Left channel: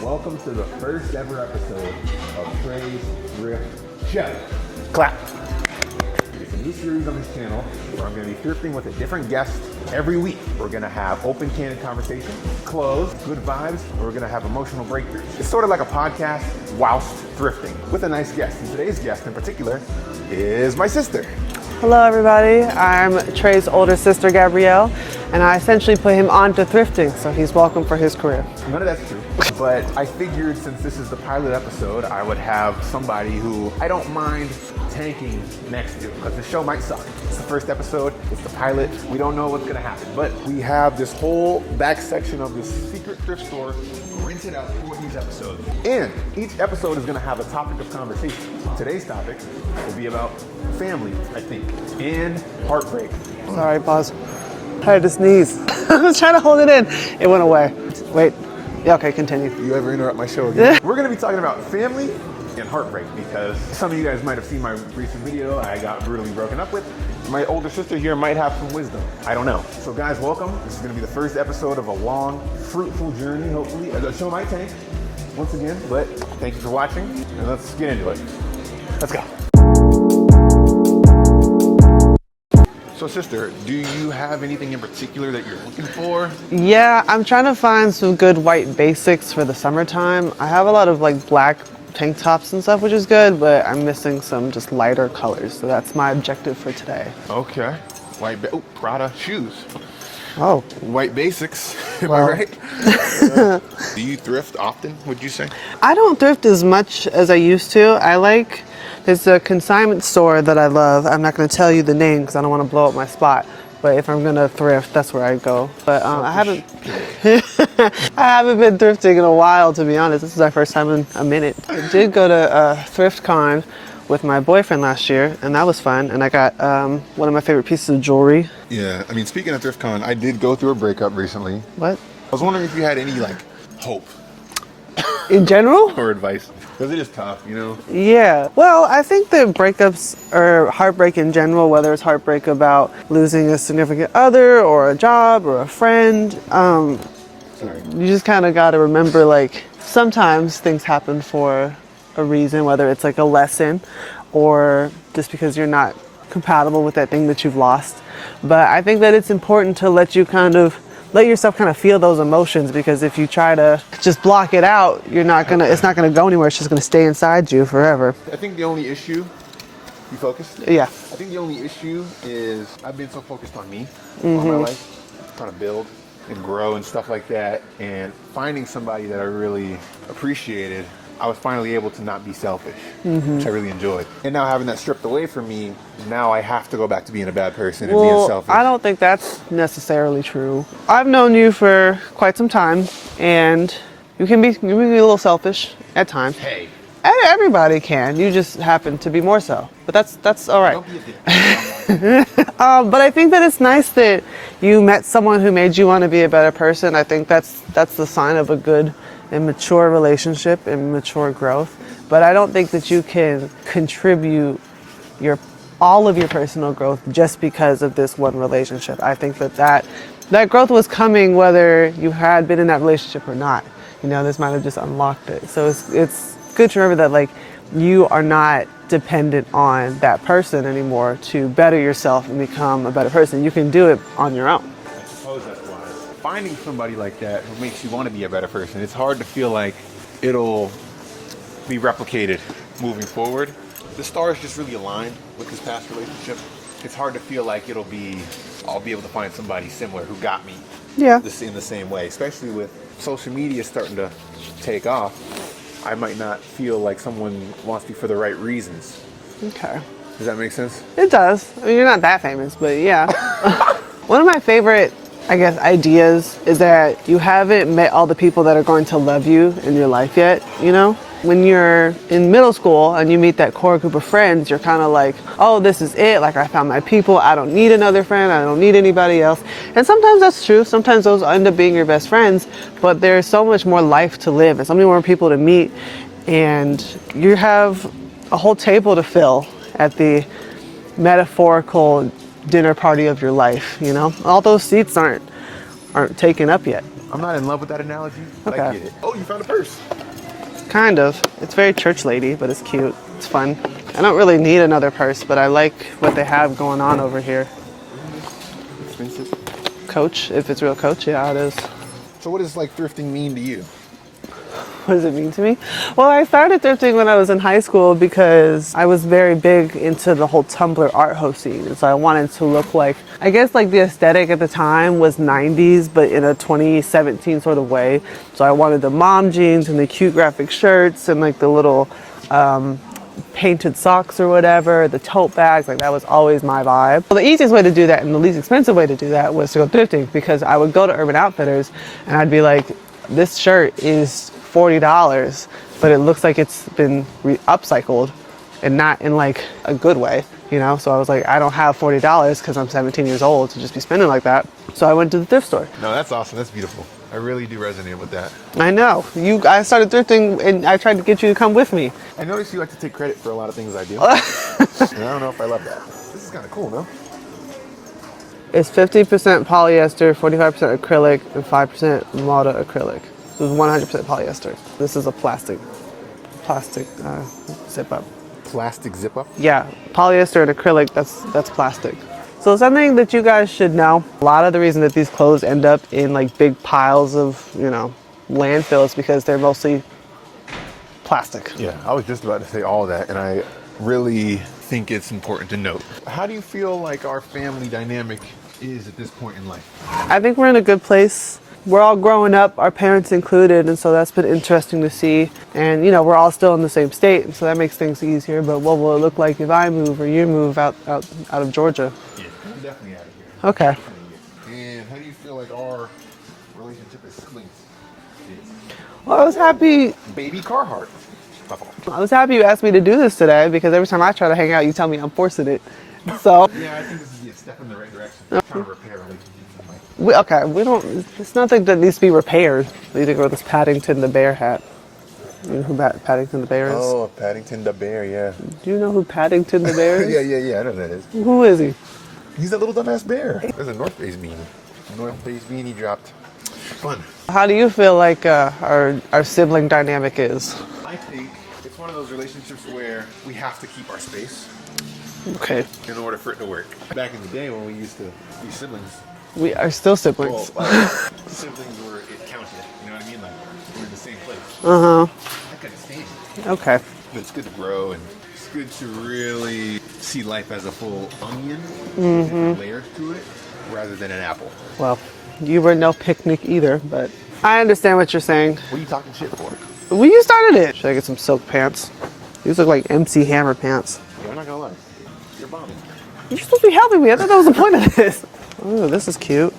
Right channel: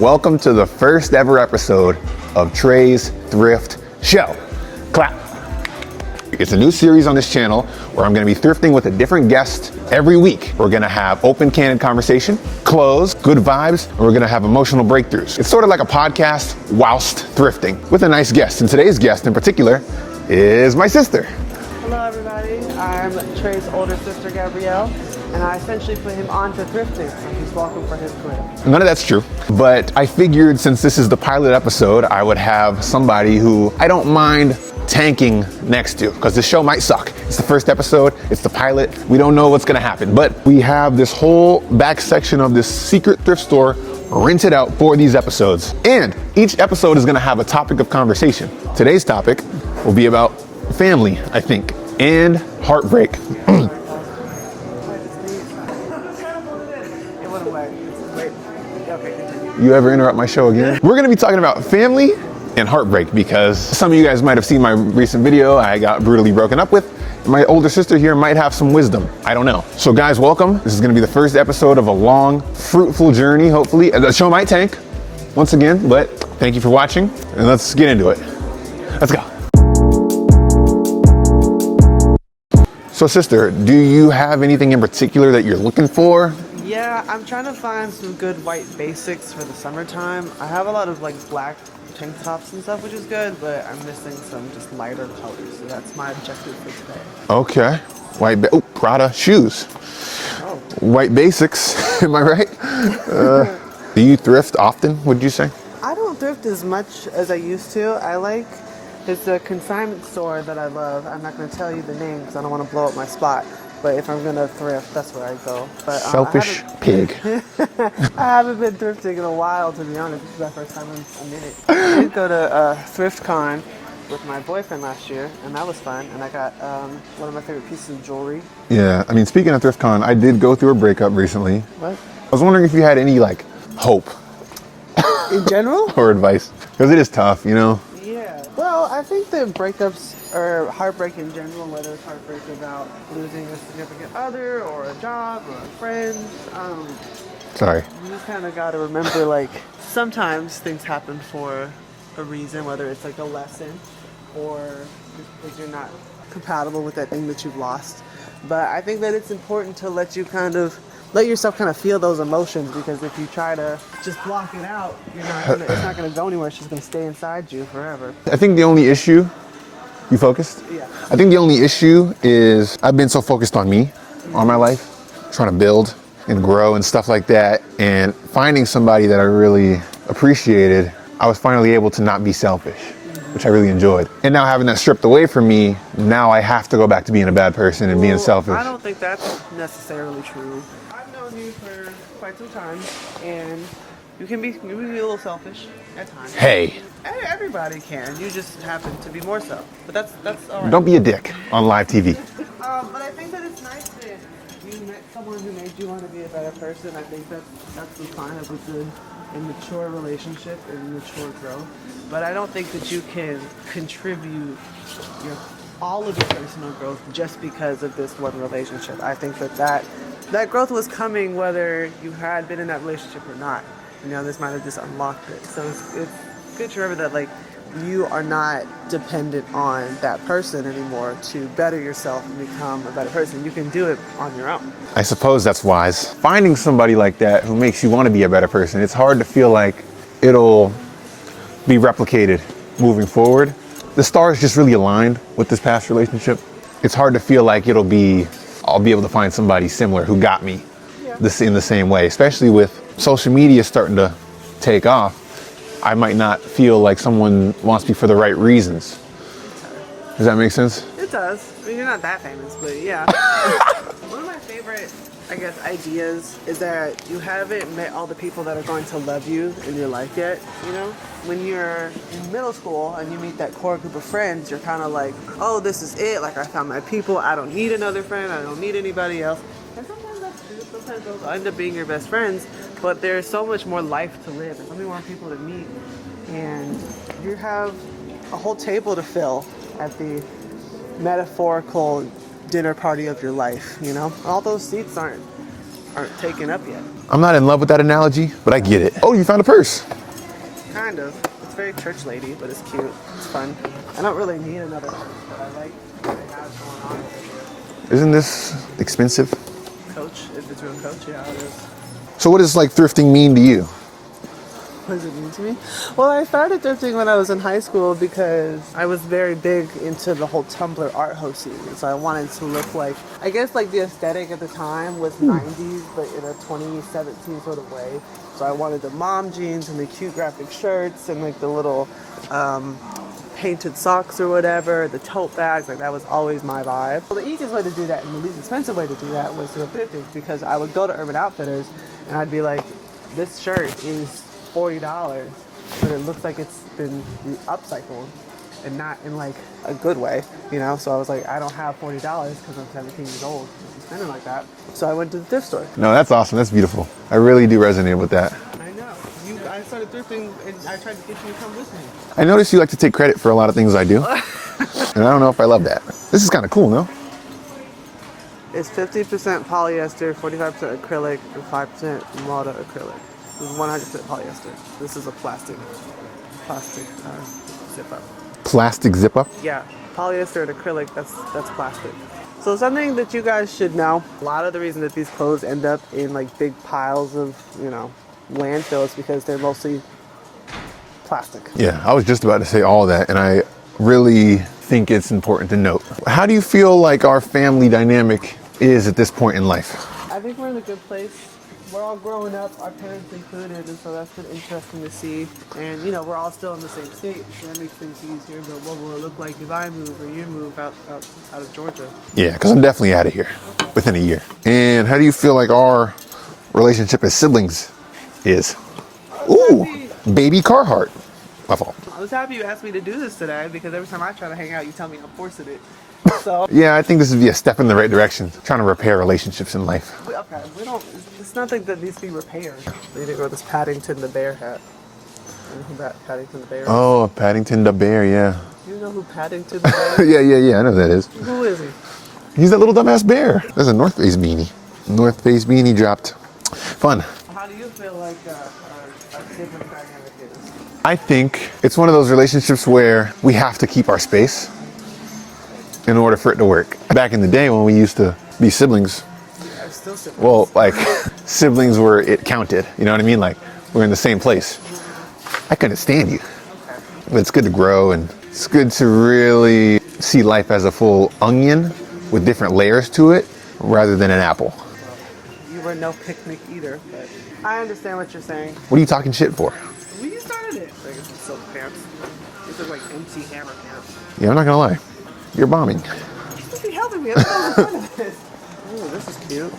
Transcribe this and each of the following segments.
Welcome to the first ever episode of Trey's Thrift Show. Clap. It's a new series on this channel where I'm gonna be thrifting with a different guest every week. We're gonna have open, candid conversation, clothes, good vibes, and we're gonna have emotional breakthroughs. It's sort of like a podcast whilst thrifting with a nice guest. And today's guest in particular is my sister. Hello everybody, I'm Trey's older sister, Gabrielle, and I essentially put him on to thrifting, so he's welcome for his career. None of that's true, but I figured since this is the pilot episode, I would have somebody who I don't mind tanking next to, because this show might suck. It's the first episode, it's the pilot, we don't know what's gonna happen, but we have this whole back section of this secret thrift store rented out for these episodes. And each episode is gonna have a topic of conversation. Today's topic will be about family, I think, and heartbreak. Sorry, pause. I had to sneeze. I was trying to hold it in. It went away. Wait. Yeah, okay, continue. You ever interrupt my show again? We're gonna be talking about family and heartbreak because some of you guys might have seen my recent video. I got brutally broken up with. My older sister here might have some wisdom. I don't know. So guys, welcome. This is gonna be the first episode of a long, fruitful journey, hopefully. The show might tank once again, but thank you for watching and let's get into it. Let's go. So sister, do you have anything in particular that you're looking for? Yeah, I'm trying to find some good white basics for the summertime. I have a lot of like black tank tops and stuff, which is good, but I'm missing some just lighter colors. So that's my objective for today. Okay. Prada shoes. Oh. White basics, am I right? Do you thrift often, would you say? I don't thrift as much as I used to. There's a consignment store that I love. I'm not going to tell you the name because I don't want to blow up my spot. But if I'm going to thrift, that's where I go. But selfish pig. I haven't been thrifting in a while, to be honest. This is our first time in a minute. I did go to Thrift Con with my boyfriend last year, and that was fun. And I got one of my favorite pieces of jewelry. Yeah, I mean, speaking of Thrift Con, I did go through a breakup recently. What? I was wondering if you had any, like, hope. In general? Or advice. Because it is tough, you know? Yeah. Well, I think the breakups or heartbreak in general, whether it's heartbreak about losing a significant other or a job or a friend, Sorry. you just kind of got to remember, like, sometimes things happen for a reason, whether it's like a lesson or just because you're not compatible with that thing that you've lost. But I think that it's important to let yourself kind of feel those emotions, because if you try to just block it out, it's not gonna go anywhere. It's just gonna stay inside you forever. I think the only issue, you focused? Yeah. I think the only issue is I've been so focused on me, on my life, trying to build and grow and stuff like that, and finding somebody that I really appreciated. I was finally able to not be selfish, which I really enjoyed. And now having that stripped away from me, now I have to go back to being a bad person and being selfish. I don't think that's necessarily true. I've known you for quite some time, and you can be a little selfish at times. Hey. Everybody can. You just happen to be more so. But that's all right. Don't be a dick on live TV. But I think that it's nice that you met someone who made you want to be a better person. I think that's the sign of a good and mature relationship and mature growth. But I don't think that you can contribute all of your personal growth just because of this one relationship. I think that growth was coming whether you had been in that relationship or not. You know, this might have just unlocked it. So it's good to remember that, like, you are not dependent on that person anymore to better yourself and become a better person. You can do it on your own. I suppose that's wise. Finding somebody like that who makes you want to be a better person, it's hard to feel like it'll be replicated moving forward. The stars just really aligned with this past relationship. It's hard to feel like I'll be able to find somebody similar who got me in the same way, especially with social media starting to take off. I might not feel like someone wants me for the right reasons. Okay. Does that make sense? It does. I mean, you're not that famous, but yeah. One of my favorite, I guess, ideas is that you haven't met all the people that are going to love you in your life yet, you know? When you're in middle school and you meet that core group of friends, you're kind of like, oh, this is it. Like, I found my people. I don't need another friend. I don't need anybody else. And sometimes that's true. Sometimes those end up being your best friends, but there's so much more life to live and so many more people to meet. And you have a whole table to fill at the metaphorical dinner party of your life, you know? All those seats aren't aren't taken up yet. I'm not in love with that analogy, but I get it. Oh, you found a purse. Kind of. It's very church lady, but it's cute. It's fun. I don't really need another purse, but I like what they have going on over here. Isn't this expensive? Coach, if it's real Coach, yeah, it is. So what does like thrifting mean to you? What does it mean to me? Well, I started thrifting when I was in high school because I was very big into the whole Tumblr art ho scene. And so I wanted to look like, I guess like the aesthetic at the time was 90s, but in a 2017 sort of way. So I wanted the mom jeans and the cute graphic shirts and like the little painted socks or whatever, the tote bags, like that was always my vibe. Well, the easiest way to do that and the least expensive way to do that was to go thrifting, because I would go to Urban Outfitters and I'd be like, this shirt is $40, but it looks like it's been upcycled and not in like a good way, you know? So I was like, I don't have $40 because I'm 17 years old to just be spending like that. So I went to the thrift store. No, that's awesome. That's beautiful. I really do resonate with that. I know. I started thrifting and I tried to get you to come with me. I notice you like to take credit for a lot of things I do. And I don't know if I love that. This is kind of cool, no? It's 50% polyester, 45% acrylic, and 5% Malta acrylic. This is 100% polyester. This is a plastic zip up. Plastic zip up? Yeah, polyester and acrylic, that's plastic. So something that you guys should know, a lot of the reason that these clothes end up in like big piles of, you know, landfill is because they're mostly plastic. Yeah, I was just about to say all that, and I really think it's important to note. How do you feel like our family dynamic is at this point in life? I think we're in a good place. We're all growing up, our parents included, and so that's been interesting to see. And you know, we're all still in the same state, so that makes things easier. But what will it look like if I move or you move out of Georgia? Yeah, because I'm definitely out of here. Okay. Within a year. And how do you feel like our relationship as siblings is? Well, I was happy. Baby Carhartt. My fault. I was happy you asked me to do this today, because every time I try to hang out, you tell me I'm forcing it. So yeah, I think this would be a step in the right direction. Trying to repair relationships in life. It's nothing that needs to be repaired. We need to grow this Paddington the Bear hat. You know who Paddington the Bear is? Oh, Paddington the Bear, yeah. Do you know who Paddington the Bear is? yeah, I know who that is. Who is he? He's that little dumbass bear. There's a North Face beanie. North Face beanie dropped. Fun. How do you feel like our sibling dynamic is? I think it's one of those relationships where we have to keep our space. Okay. In order for it to work. Back in the day when we used to be siblings. We are still siblings. Well, like siblings where it counted. You know what I mean? Like we're in the same place. I couldn't stand you. Okay. But it's good to grow, and it's good to really see life as a full onion with different layers to it rather than an apple. Well, you were no picnic either, but I understand what you're saying. What are you talking shit for? Well, you started it. Should I get some silk pants? These look like MC Hammer pants. Yeah, I'm not gonna lie. You're bombing. You're supposed to be helping me. I thought that was the point of this. Ooh, this is cute.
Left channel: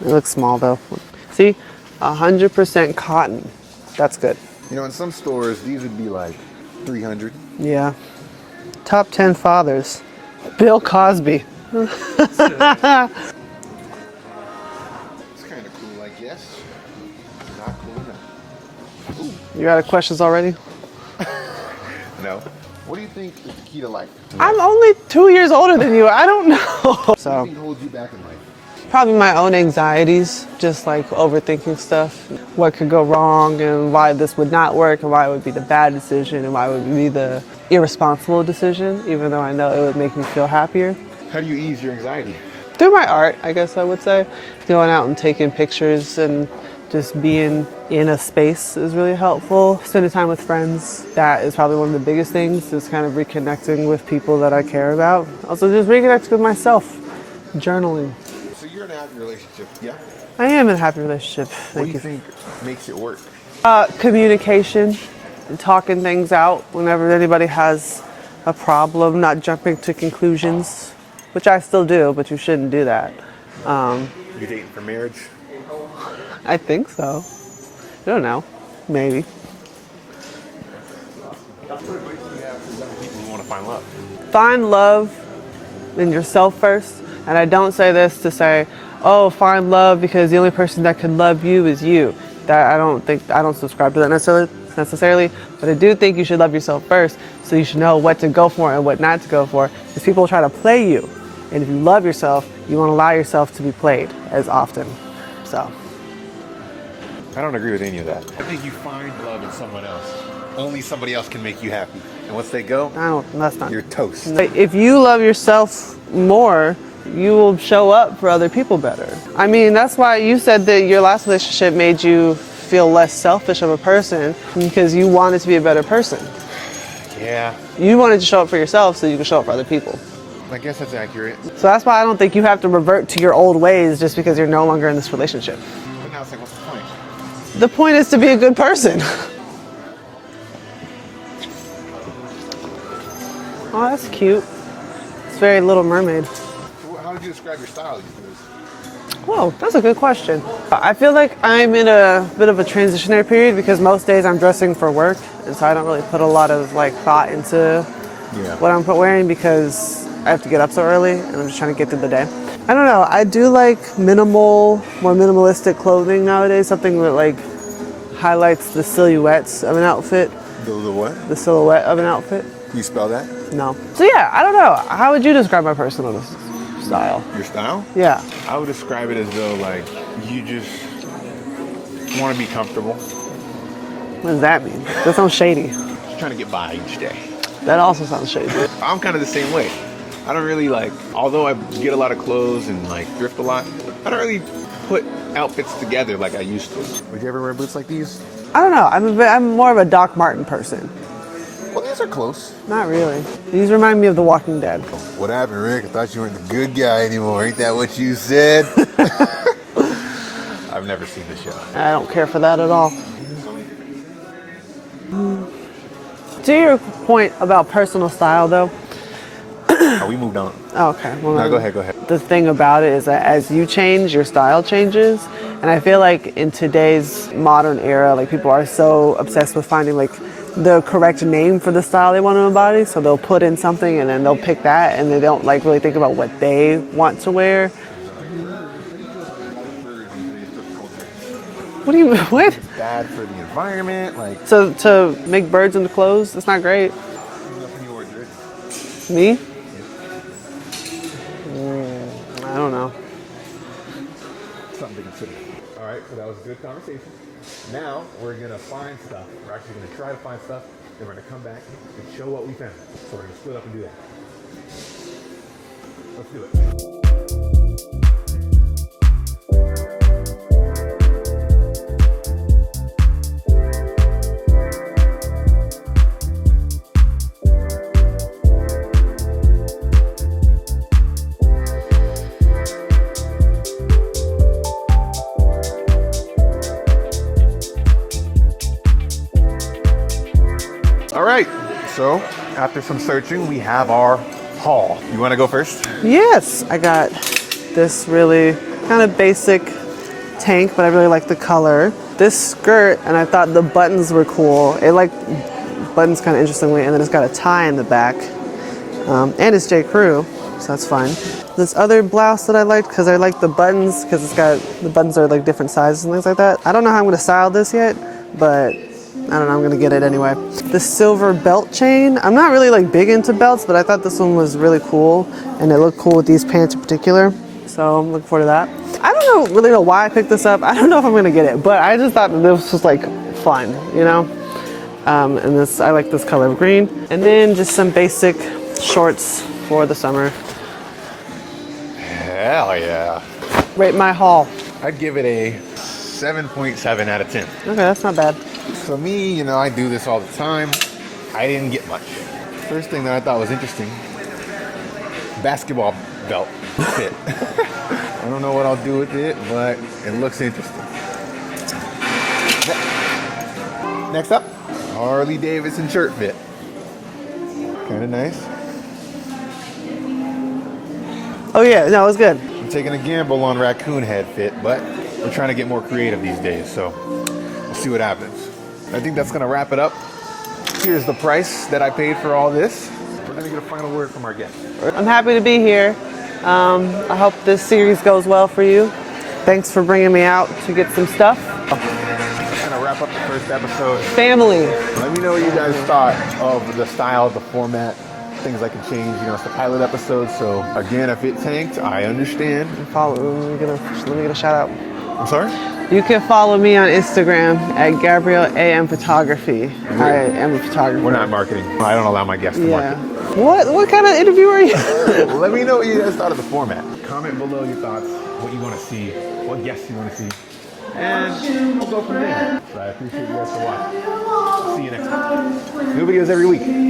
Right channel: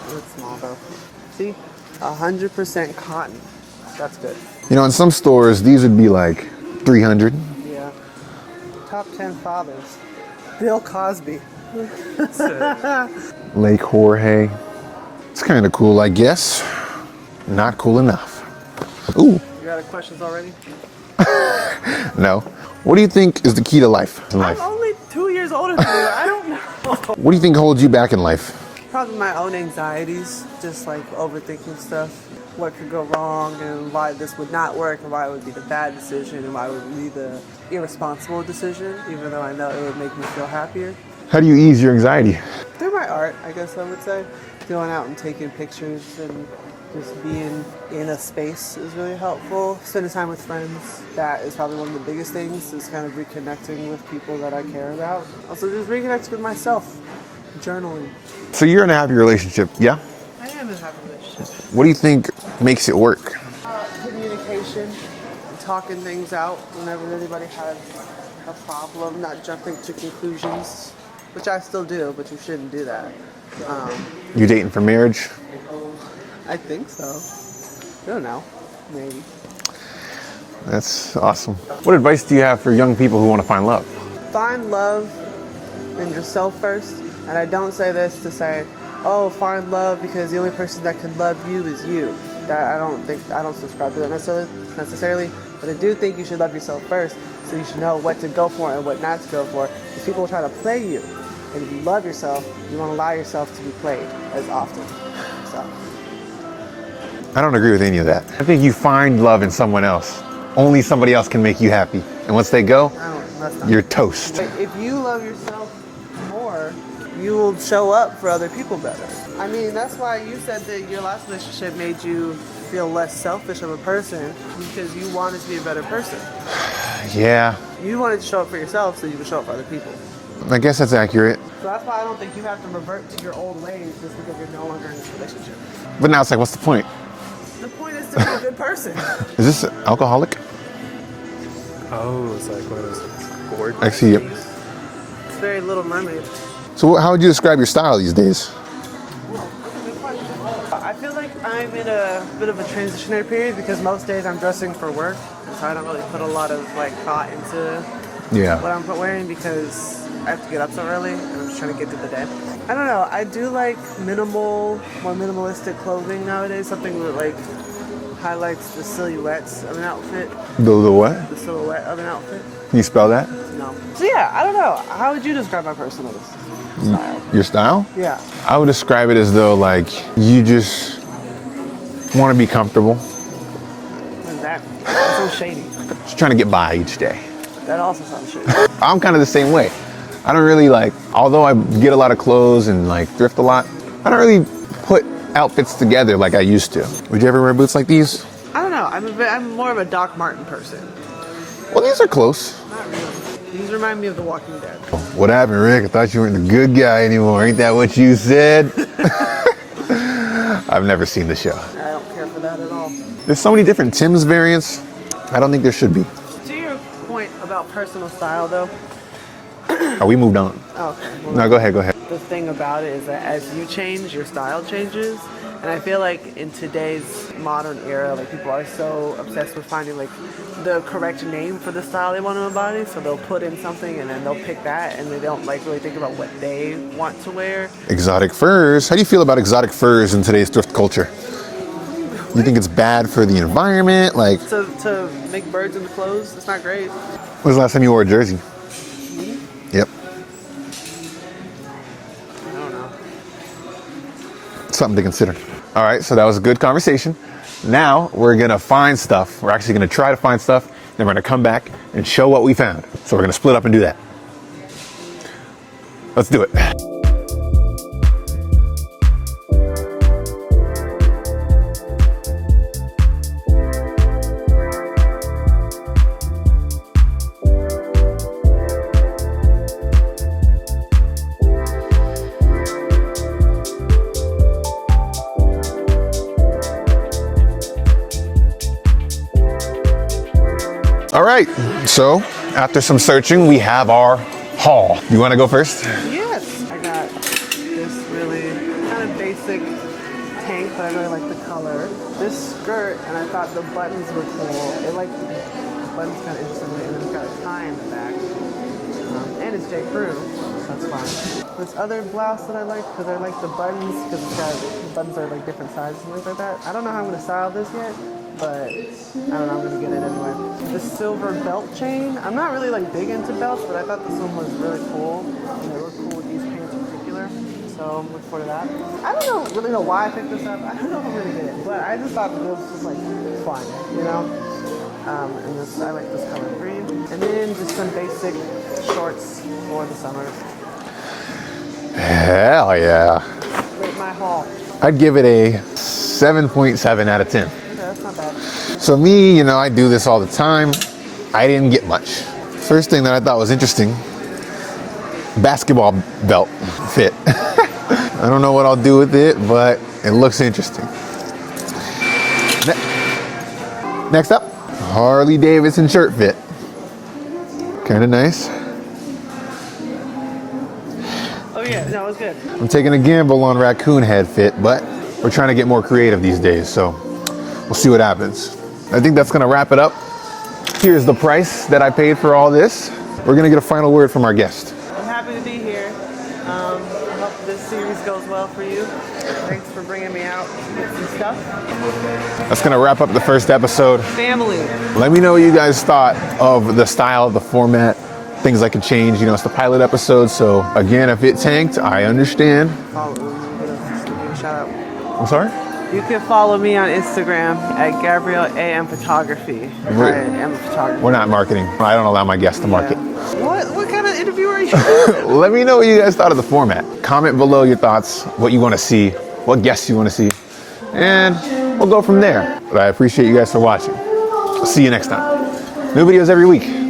It looks small though. See, 100% cotton. That's good. You know, in some stores, these would be like 300. Yeah. Top 10 fathers. Bill Cosby. Lake Jorge. It's kind of cool, I guess. Not cool enough. Ooh. You got questions already? No. What do you think is the key to life? I'm only 2 years older than you. I don't know. What do you think holds you back in life? Probably my own anxieties, just like overthinking stuff. What could go wrong and why this would not work and why it would be the bad decision and why it would be the irresponsible decision, even though I know it would make me feel happier. How do you ease your anxiety? Through my art, I guess I would say. Going out and taking pictures and just being in a space is really helpful. Spending time with friends, that is probably one of the biggest things, just kind of reconnecting with people that I care about. Also just reconnecting with myself, journaling. So you're in a happy relationship, yeah? I am in a happy relationship. What do you think makes it work? Communication, and talking things out whenever anybody has a problem, not jumping to conclusions, which I still do, but you shouldn't do that. You dating for marriage? I think so. I don't know. Maybe. That's awesome. What advice do you have for young people who want to find love? Find love in yourself first. And I don't say this to say, oh, find love because the only person that can love you is you. That I don't subscribe to that necessarily, but I do think you should love yourself first, so you should know what to go for and what not to go for. Because people try to play you. And if you love yourself, you won't allow yourself to be played as often. So. I don't agree with any of that. I think you find love in someone else. Only somebody else can make you happy. And once they go, that's not you're toast. If you love yourself more, you will show up for other people better. I mean, that's why you said that your last relationship made you feel less selfish of a person, because you wanted to be a better person. Yeah. You wanted to show up for yourself so you can show up for other people. I guess that's accurate. So that's why I don't think you have to revert to your old ways just because you're no longer in this relationship. But now it's like, what's the point? The point is to be a good person. Is this alcoholic? Oh, it's like one of those board. Oh, that's cute. It's very Little Mermaid. So how would you describe your style these days? Whoa, that's a good question. I feel like I'm in a bit of a transitionary period because most days I'm dressing for work, and so I don't really put a lot of thought into what I'm wearing because I have to get up so early and I'm just trying to get through the day. I don't know, I do like more minimalistic clothing nowadays, something that highlights the silhouettes of an outfit. The what? The silhouette of an outfit. Can you spell that? No. So yeah, I don't know. How would you describe my personal style? Your style? Yeah. I would describe it as though you just want to be comfortable. What does that mean? That sounds shady. Just trying to get by each day. That also sounds shady. I'm kind of the same way. I don't really although I get a lot of clothes and thrift a lot, I don't really put outfits together like I used to. Would you ever wear boots like these? I don't know. I'm more of a Doc Marten person. Well, these are close. Not really. These remind me of The Walking Dead. What happened, Rick? I thought you weren't the good guy anymore. Ain't that what you said? I've never seen the show. I don't care for that at all. There's so many different Tim's variants. I don't think there should be. To your point about personal style, though. Oh, we moved on. Oh, okay. Well, No, go ahead. The thing about it is that as you change, your style changes. And I feel like in today's modern era, people are so obsessed with finding the correct name for the style they want to embody. So they'll put in something and then they'll pick that and they don't really think about what they want to wear. Exotic furs. How do you feel about exotic furs in today's thrift culture? What do you mean? Do you think it's bad for the environment? So to make birds into clothes, it's not great. When was the last time you wore a jersey? Me? Yep. I don't know. Something to consider. All right, so that was a good conversation. Now we're gonna find stuff. We're actually gonna try to find stuff, then we're gonna come back and show what we found. So we're gonna split up and do that. Let's do it. All right, so after some searching, we have our haul. You wanna go first? Yes, I got this really kind of basic tank, but I really like the color. This skirt, and I thought the buttons were cool. It buttons kind of interestingly, and then it's got a tie in the back. And it's J. Crew, so that's fine. This other blouse that I liked, because I like the buttons, because the buttons are different sizes and things like that. I don't know how I'm gonna style this yet, but I don't know, I'm gonna get it anyway. The silver belt chain. I'm not really big into belts, but I thought this one was really cool, and it looked cool with these pants in particular. So I'm looking forward to that. I don't really know why I picked this up. I don't know if I'm gonna get it, but I just thought that this was fun, you know? And I like this color of green. And then just some basic shorts for the summer. Hell yeah. Rate my haul. I'd give it a 7.7 out of 10. Okay, that's not bad. So me, I do this all the time. I didn't get much. First thing that I thought was interesting, basketball belt fit. I don't know what I'll do with it, but it looks interesting. Next up, Harley Davidson shirt fit. Kind of nice. Oh yeah, no, it was good. I'm taking a gamble on raccoon head fit, but we're trying to get more creative these days, so we'll see what happens. I think that's gonna wrap it up. Here's the price that I paid for all this. We're gonna get a final word from our guest. I'm happy to be here. I hope this series goes well for you. Thanks for bringing me out to get some stuff. That's gonna wrap up the first episode. Family. Let me know what you guys thought of the style, the format, things that can change. You know, it's the pilot episode. So again, if it tanked, I understand. Follow. Let me get a shout out. I'm sorry? You can follow me on Instagram at Gabrielle AM Photography. I am a photographer. We're not marketing. I don't allow my guests to market. What kind of interview are you? Let me know what you guys thought of the format. Comment below your thoughts, what you want to see, what guests you want to see, and we'll go from there. But I appreciate you guys for watching. See you next time. New videos every week.